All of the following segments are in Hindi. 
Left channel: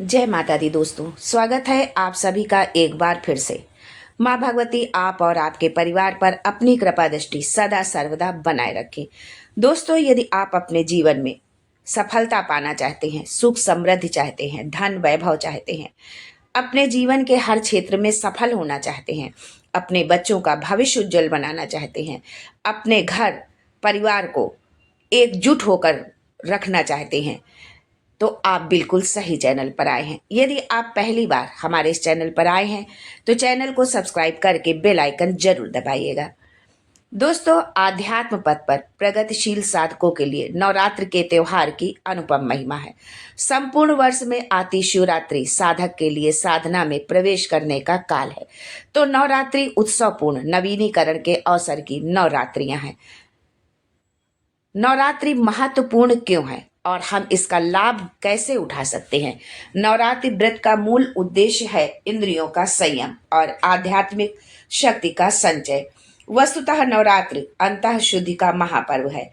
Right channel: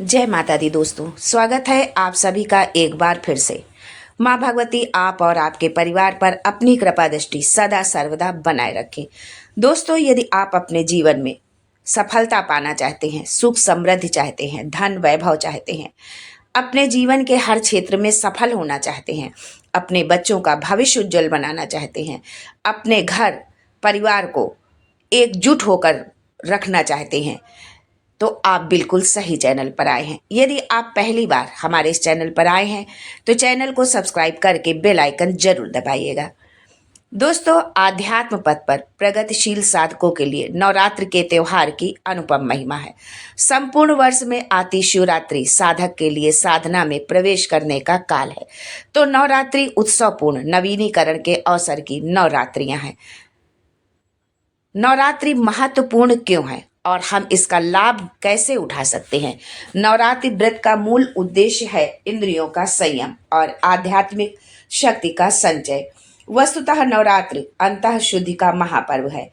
जय माता दी दोस्तों, स्वागत है आप सभी का एक बार फिर से। माँ भगवती आप और आपके परिवार पर अपनी कृपा दृष्टि सदा सर्वदा बनाए रखें। दोस्तों, यदि आप अपने जीवन में सफलता पाना चाहते हैं, सुख समृद्धि चाहते हैं, धन वैभव चाहते हैं, अपने जीवन के हर क्षेत्र में सफल होना चाहते हैं, अपने बच्चों का भविष्य उज्जवल बनाना चाहते हैं, अपने घर परिवार को एकजुट होकर रखना चाहते हैं, तो आप बिल्कुल सही चैनल पर आए हैं। यदि आप पहली बार हमारे इस चैनल पर आए हैं तो चैनल को सब्सक्राइब करके बेल आइकन जरूर दबाइएगा। दोस्तों, आध्यात्म पथ पर प्रगतिशील साधकों के लिए नवरात्र के त्योहार की अनुपम महिमा है। संपूर्ण वर्ष में आती शिवरात्रि साधक के लिए साधना में प्रवेश करने का काल है। तो नवरात्रि उत्सवपूर्ण नवीनीकरण के अवसर की नवरात्रियां हैं। नवरात्रि महत्वपूर्ण क्यों है और हम इसका लाभ कैसे उठा सकते हैं? नवरात्रि व्रत का मूल उद्देश्य है इंद्रियों का संयम और आध्यात्मिक शक्ति का संचय। वस्तुतः नवरात्रि अंतः शुद्धि का महापर्व है।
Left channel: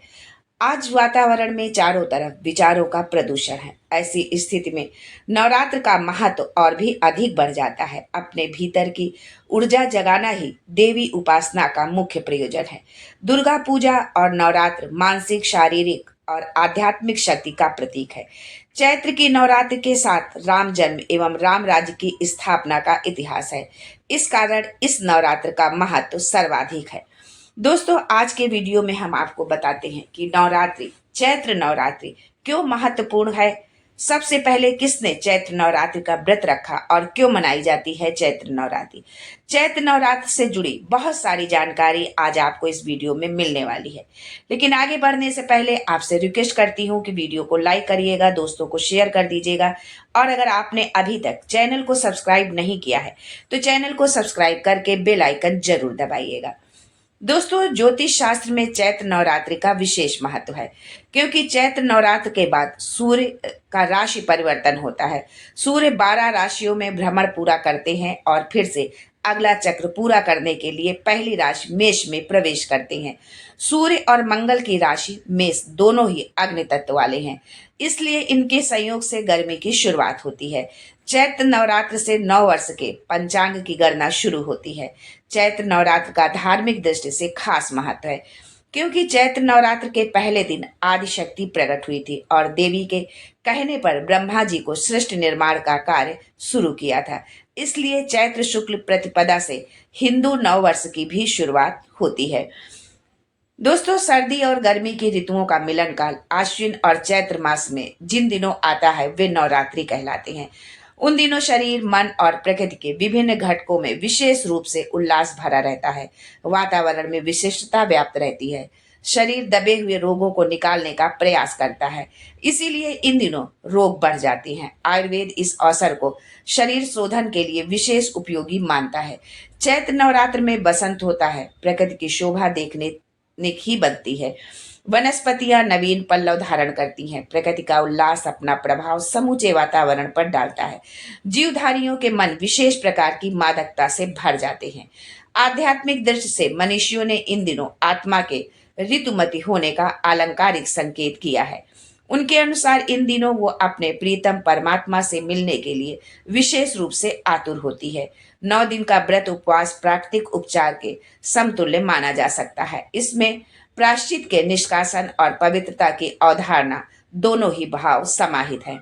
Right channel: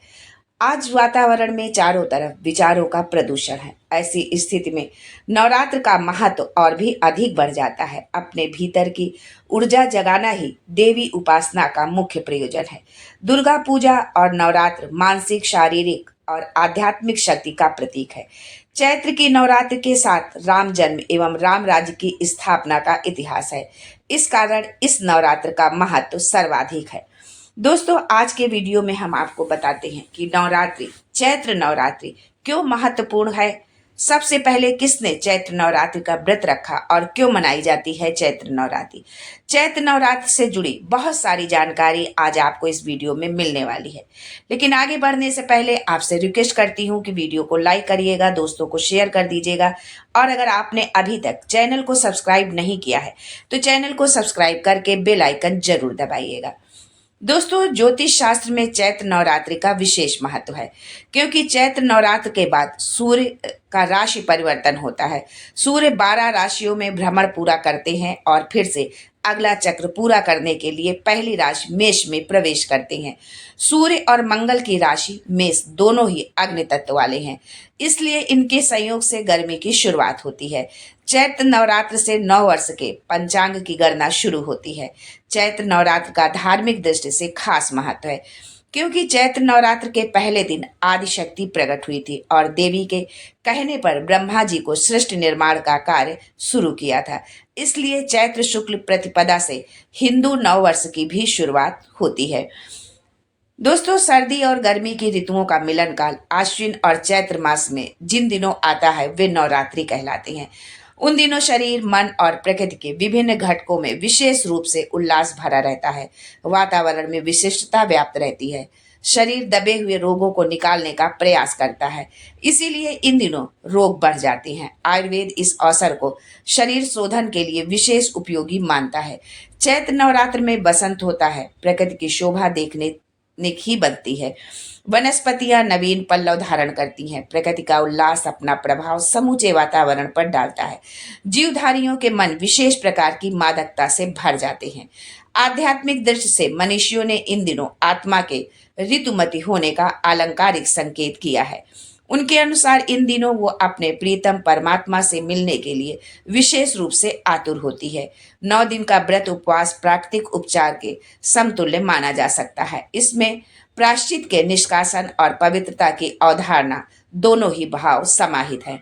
आज वातावरण में चारों तरफ विचारों का प्रदूषण है। ऐसी स्थिति में नवरात्र का महत्व और भी अधिक बढ़ जाता है। अपने भीतर की ऊर्जा जगाना ही देवी उपासना का मुख्य प्रयोजन है। दुर्गा पूजा और नवरात्र मानसिक, शारीरिक और आध्यात्मिक शक्ति का प्रतीक है। चैत्र की नवरात्र के साथ राम जन्म एवं राम राज्य की स्थापना का इतिहास है। इस कारण इस नवरात्र का महत्व सर्वाधिक है। दोस्तों, आज के वीडियो में हम आपको बताते हैं कि नवरात्रि, चैत्र नवरात्रि क्यों महत्वपूर्ण है। सबसे पहले किसने चैत्र नवरात्रि का व्रत रखा और क्यों मनाई जाती है चैत्र नवरात्रि। चैत्र नवरात्र से जुड़ी बहुत सारी जानकारी आज आपको इस वीडियो में मिलने वाली है। लेकिन आगे बढ़ने से पहले आपसे रिक्वेस्ट करती हूँ कि वीडियो को लाइक करिएगा, दोस्तों को शेयर कर दीजिएगा और अगर आपने अभी तक चैनल को सब्सक्राइब नहीं किया है तो चैनल को सब्सक्राइब करके बेल आइकन जरूर दबाइएगा। दोस्तों, ज्योतिष शास्त्र में चैत्र नवरात्रि का विशेष महत्व है क्योंकि चैत्र नवरात्र के बाद सूर्य का राशि परिवर्तन होता है। सूर्य 12 राशियों में भ्रमण पूरा करते हैं और फिर से अगला चक्र पूरा करने के लिए पहली राशि मेष में प्रवेश करते हैं। सूर्य और मंगल की राशि मेष दोनों ही अग्नि तत्व वाले हैं, इसलिए इनके संयोग से गर्मी की शुरुआत होती है। चैत्र नवरात्र से 9 वर्ष के पंचांग की गणना शुरू होती है। चैत्र नवरात्र का धार्मिक दृष्टि से खास महत्व है क्योंकि चैत्र नवरात्र के पहले दिन आदि शक्ति प्रकट हुई थी और देवी के कहने पर ब्रह्मा जी को सृष्टि निर्माण का कार्य शुरू किया था। इसलिए चैत्र शुक्ल प्रतिपदा से हिंदू नव वर्ष की भी शुरुआत होती है। दोस्तों, सर्दी और गर्मी की ऋतुओं का मिलन काल आश्विन और चैत्र मास में जिन दिनों आता है वे नवरात्रि कहलाते हैं। उन दिनों शरीर, मन और प्रकृति के विभिन्न घटकों में विशेष रूप से उल्लास भरा रहता है। वातावरण में विशिष्टता व्याप्त रहती है। शरीर दबे हुए रोगों को निकालने का प्रयास करता है, इसीलिए इन दिनों रोग बढ़ जाते हैं। आयुर्वेद इस अवसर को शरीर शोधन के लिए विशेष उपयोगी मानता है। चैत्र नवरात्र में बसंत होता है, प्रकृति की शोभा देखने ही बनती है। वनस्पतियां नवीन पल्लव धारण करती हैं। प्रकृति का उल्लास अपना प्रभाव समूचे वातावरण पर डालता है। जीवधारियों के मन विशेष प्रकार की मादकता से भर जाते हैं। आध्यात्मिक दृष्टि से मनुष्यों ने इन दिनों आत्मा के ऋतुमती होने का अलंकारिक संकेत किया है। उनके अनुसार इन दिनों वो अपने प्रीतम परमात्मा से मिलने के लिए विशेष रूप से आतुर होती है। 9 दिन का व्रत उपवास प्राकृतिक उपचार के समतुल्य माना जा सकता है। इसमें प्रायश्चित के निष्कासन और पवित्रता की अवधारणा दोनों ही भाव समाहित है।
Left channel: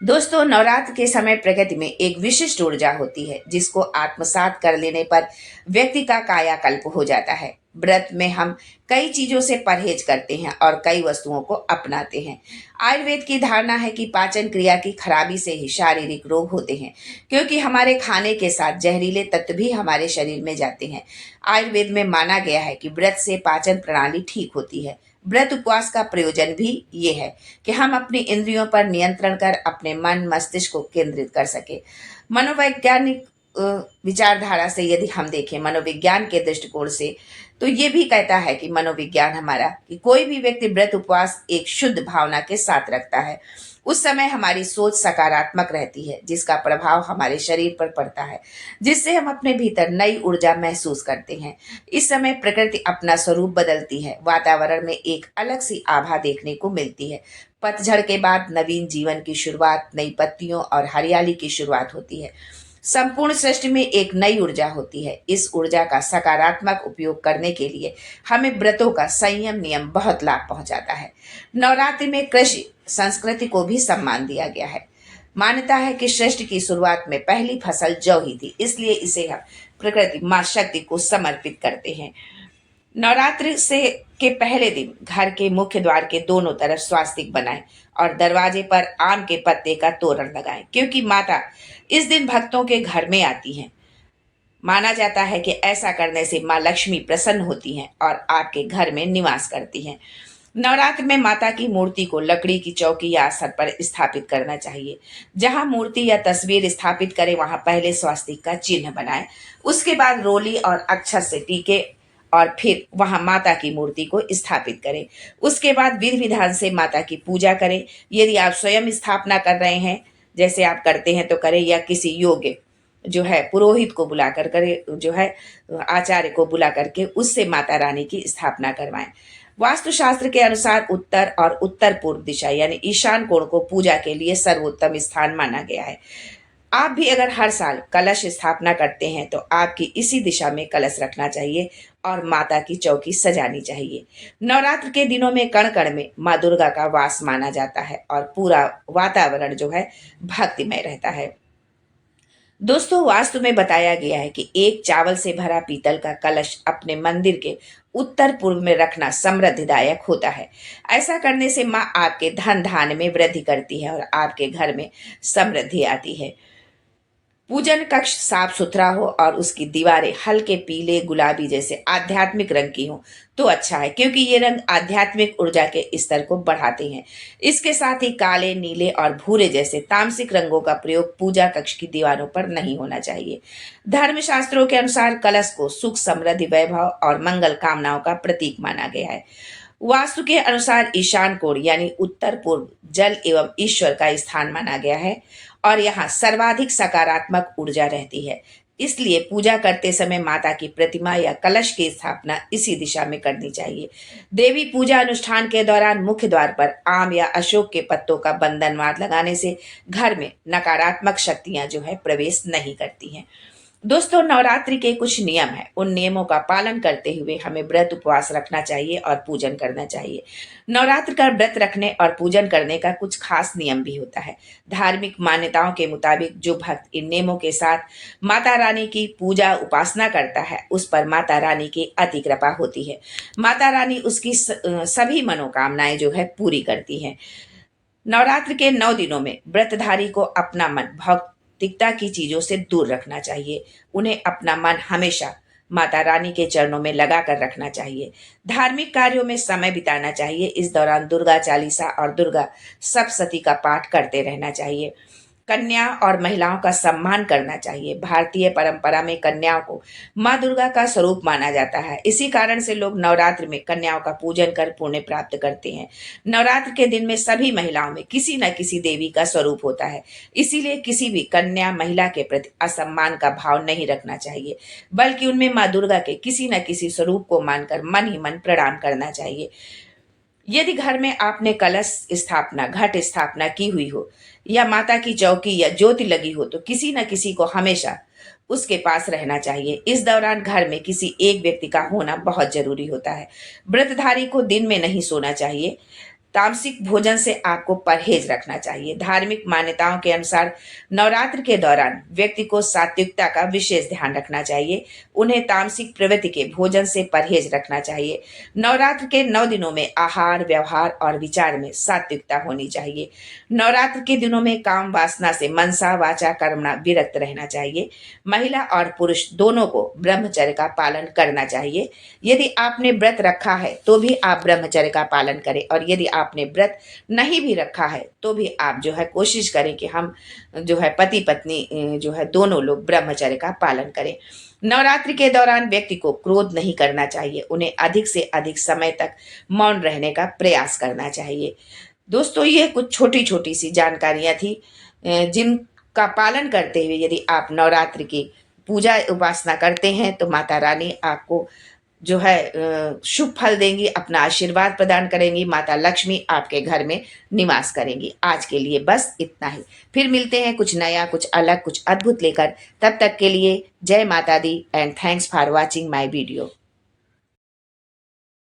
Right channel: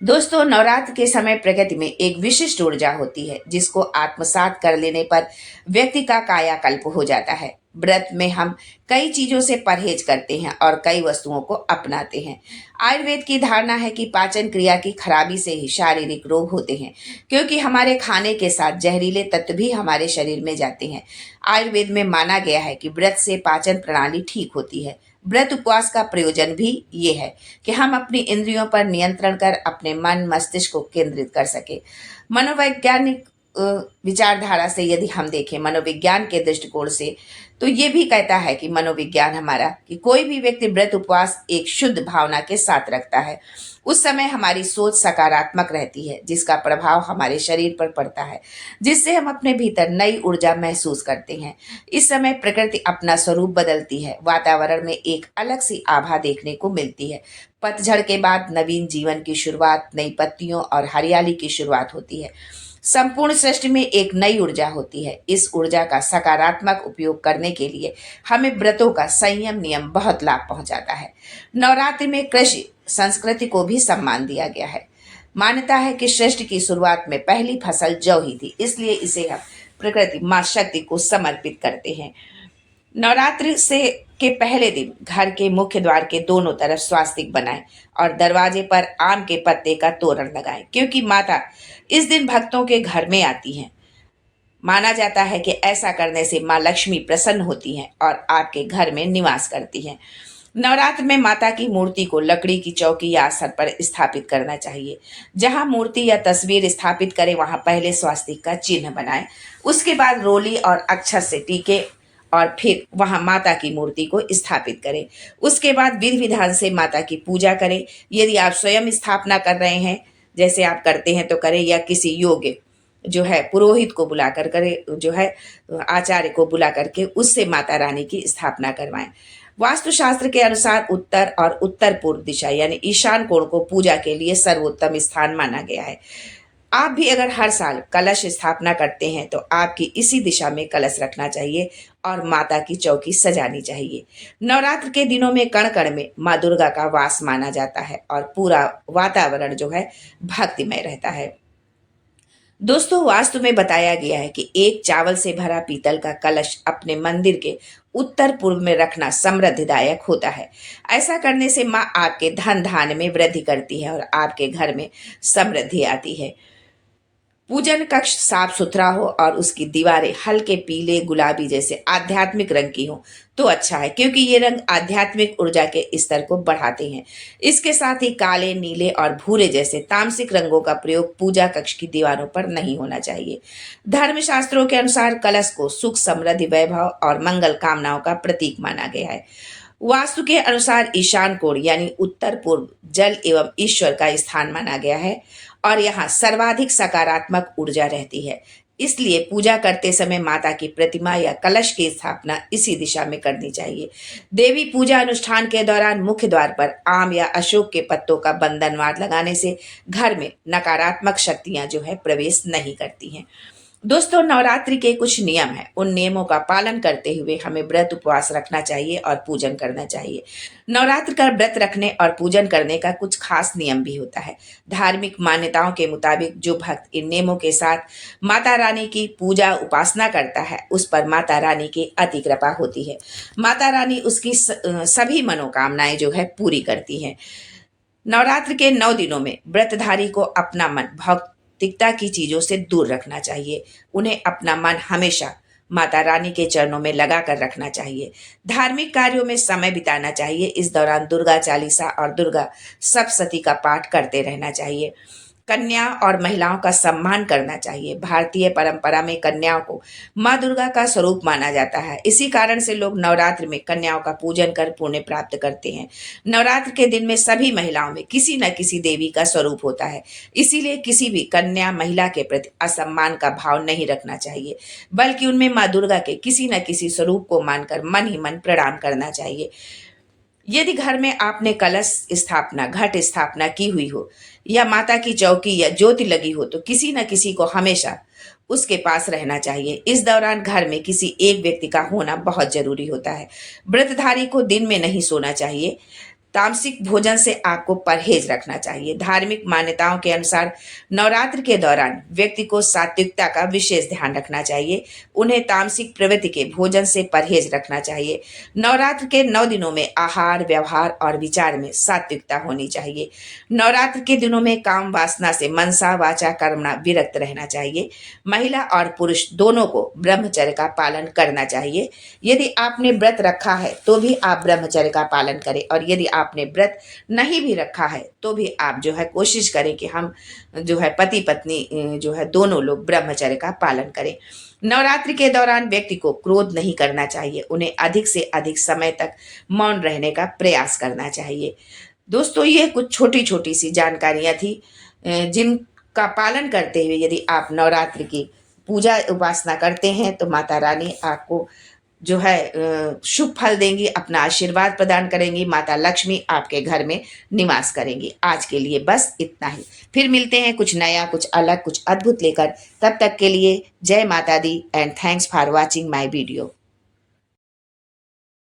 दोस्तों, नवरात्र के समय प्रकृति में एक विशिष्ट ऊर्जा होती है जिसको आत्मसात कर लेने पर व्यक्ति का कायाकल्प हो जाता है। व्रत में हम कई चीजों से परहेज करते हैं और कई वस्तुओं को अपनाते हैं। आयुर्वेद की धारणा है कि पाचन क्रिया की खराबी से ही शारीरिक रोग होते हैं क्योंकि हमारे खाने के साथ जहरीले तत्व भी हमारे शरीर में जाते हैं। आयुर्वेद में माना गया है कि व्रत से पाचन प्रणाली ठीक होती है। व्रत उपवास का प्रयोजन भी ये है कि हम अपनी इंद्रियों पर नियंत्रण कर अपने मन मस्तिष्क को केंद्रित कर सके। मनोवैज्ञानिक विचारधारा से यदि हम देखें, मनोविज्ञान के दृष्टिकोण से, तो ये भी कहता है कि मनोविज्ञान हमारा कि कोई भी व्यक्ति व्रत उपवास एक शुद्ध भावना के साथ रखता है, उस समय हमारी सोच सकारात्मक रहती है, जिसका प्रभाव हमारे शरीर पर पड़ता है, जिससे हम अपने भीतर नई ऊर्जा महसूस करते हैं। इस समय प्रकृति अपना स्वरूप बदलती है, वातावरण में एक अलग सी आभा देखने को मिलती है। पतझड़ के बाद नवीन जीवन की शुरुआत, नई पत्तियों और हरियाली की शुरुआत होती है। संपूर्ण सृष्टि में एक नई ऊर्जा होती है। इस ऊर्जा का सकारात्मक उपयोग करने के लिए हमें व्रतों का संयम नियम बहुत लाभ पहुंचाता है। नवरात्रि में कृषि संस्कृति को भी सम्मान दिया गया है। मान्यता है कि सृष्टि की शुरुआत में पहली फसल जौ ही थी, इसलिए इसे हम प्रकृति माँ शक्ति को समर्पित करते हैं। नवरात्रि से के पहले दिन घर के मुख्य द्वार के दोनों तरफ स्वास्तिक बनाएं और दरवाजे पर आम के पत्ते का तोरण लगाएं, क्योंकि माता इस दिन भक्तों के घर में आती हैं। माना जाता है कि ऐसा करने से माँ लक्ष्मी प्रसन्न होती हैं और आपके घर में निवास करती हैं। नवरात्र में माता की मूर्ति को लकड़ी की चौकी या आसन पर स्थापित करना चाहिए। जहां मूर्ति या तस्वीर स्थापित करें, वहां पहले स्वास्तिक का चिन्ह बनाएं, उसके बाद रोली और अक्षत से टीके और फिर वहां माता की मूर्ति को स्थापित करें। उसके बाद विधि विधान से माता की पूजा करें। यदि आप स्वयं स्थापना कर रहे हैं, जैसे आप करते हैं तो करें, या किसी योग्य जो है पुरोहित को बुलाकर करे, जो है आचार्य को बुला करके उससे माता रानी की स्थापना करवाएं। वास्तुशास्त्र के अनुसार उत्तर और उत्तर पूर्व दिशा यानी ईशान कोण को पूजा के लिए सर्वोत्तम स्थान माना गया है। आप भी अगर हर साल कलश स्थापना करते हैं तो आपकी इसी दिशा में कलश रखना चाहिए और माता की चौकी सजानी चाहिए। नवरात्र के दिनों में कण कण में माँ दुर्गा का वास माना जाता है और पूरा वातावरण जो है भक्तिमय रहता है। दोस्तों, वास्तु में बताया गया है कि एक चावल से भरा पीतल का कलश अपने मंदिर के उत्तर पूर्व में रखना समृद्धिदायक होता है। ऐसा करने से माँ आपके धन धान्य में वृद्धि करती है और आपके घर में समृद्धि आती है। पूजन कक्ष साफ सुथरा हो और उसकी दीवारें हल्के पीले गुलाबी जैसे आध्यात्मिक रंग की हो तो अच्छा है, क्योंकि ये रंग आध्यात्मिक ऊर्जा के स्तर को बढ़ाते हैं। इसके साथ ही काले, नीले और भूरे जैसे तामसिक रंगों का प्रयोग पूजा कक्ष की दीवारों पर नहीं होना चाहिए। धर्मशास्त्रों के अनुसार कलश को सुख, समृद्धि, वैभव और मंगल कामनाओं का प्रतीक माना गया है। वास्तु के अनुसार ईशान कोण यानी उत्तर पूर्व जल एवं ईश्वर का स्थान माना गया है और यहाँ सर्वाधिक सकारात्मक ऊर्जा रहती है। इसलिए पूजा करते समय माता की प्रतिमा या कलश की स्थापना इसी दिशा में करनी चाहिए। देवी पूजा अनुष्ठान के दौरान मुख्य द्वार पर आम या अशोक के पत्तों का बंधनवार लगाने से घर में नकारात्मक शक्तियां जो है प्रवेश नहीं करती हैं। दोस्तों, नवरात्रि के कुछ नियम हैं। उन नियमों का पालन करते हुए हमें व्रत उपवास रखना चाहिए और पूजन करना चाहिए। नवरात्र का व्रत रखने और पूजन करने का कुछ खास नियम भी होता है। धार्मिक मान्यताओं के मुताबिक जो भक्त इन नियमों के साथ माता रानी की पूजा उपासना करता है, उस पर माता रानी की अति कृपा होती है। माता रानी उसकी सभी मनोकामनाएं जो है पूरी करती हैं। नवरात्र के 9 दिनों में व्रतधारी को अपना मन भौतिकता की चीजों से दूर रखना चाहिए। उन्हें अपना मन हमेशा माता रानी के चरणों में लगा कर रखना चाहिए। धार्मिक कार्यों में समय बिताना चाहिए। इस दौरान दुर्गा चालीसा और दुर्गा सप्तशती का पाठ करते रहना चाहिए। कन्या और महिलाओं का सम्मान करना चाहिए। भारतीय परंपरा में कन्याओं को माँ दुर्गा का स्वरूप माना जाता है। इसी कारण से लोग नवरात्र में कन्याओं का पूजन कर पुण्य प्राप्त करते हैं। नवरात्र के दिन में सभी महिलाओं में किसी न किसी देवी का स्वरूप होता है, इसीलिए किसी भी कन्या महिला के प्रति असम्मान का भाव नहीं रखना चाहिए, बल्कि उनमें माँ दुर्गा के किसी न किसी स्वरूप को मानकर मन ही मन प्रणाम करना चाहिए। यदि घर में आपने कलश स्थापना, घट स्थापना की हुई हो या माता की चौकी या ज्योति लगी हो, तो किसी न किसी को हमेशा उसके पास रहना चाहिए। इस दौरान घर में किसी एक व्यक्ति का होना बहुत जरूरी होता है। व्रतधारी को दिन में नहीं सोना चाहिए। तामसिक भोजन से आपको परहेज रखना चाहिए। धार्मिक मान्यताओं के अनुसार नवरात्र के दौरान व्यक्ति को सात्विकता का विशेष ध्यान रखना चाहिए। उन्हें तामसिक प्रवृत्ति के भोजन से परहेज रखना चाहिए। नवरात्र के 9 दिनों में आहार, व्यवहार और विचार में सात्विकता होनी चाहिए। नवरात्र के दिनों में काम वासना से मनसा वाचा कर्मणा विरक्त रहना चाहिए। महिला और पुरुष दोनों को ब्रह्मचर्य का पालन करना चाहिए। यदि आपने व्रत रखा है तो भी आप ब्रह्मचर्य का पालन करें, और यदि आपने व्रत नहीं भी रखा है तो भी आप जो है कोशिश करें कि हम जो है पति पत्नी जो है दोनों लोग ब्रह्मचर्य का पालन करें। नवरात्रि के दौरान व्यक्ति को क्रोध नहीं करना चाहिए, उन्हें अधिक से अधिक समय तक मौन रहने का प्रयास करना चाहिए। दोस्तों, ये कुछ छोटी छोटी सी जानकारियां थी जिनका पालन करते हुए यदि आप नवरात्रि की पूजा उपासना करते हैं तो माता रानी आपको जो है शुभ फल देंगी, अपना आशीर्वाद प्रदान करेंगी, माता लक्ष्मी आपके घर में निवास करेंगी। आज के लिए बस इतना ही। फिर मिलते हैं कुछ नया, कुछ अलग, कुछ अद्भुत लेकर। तब तक के लिए जय माता दी and thanks for watching my video.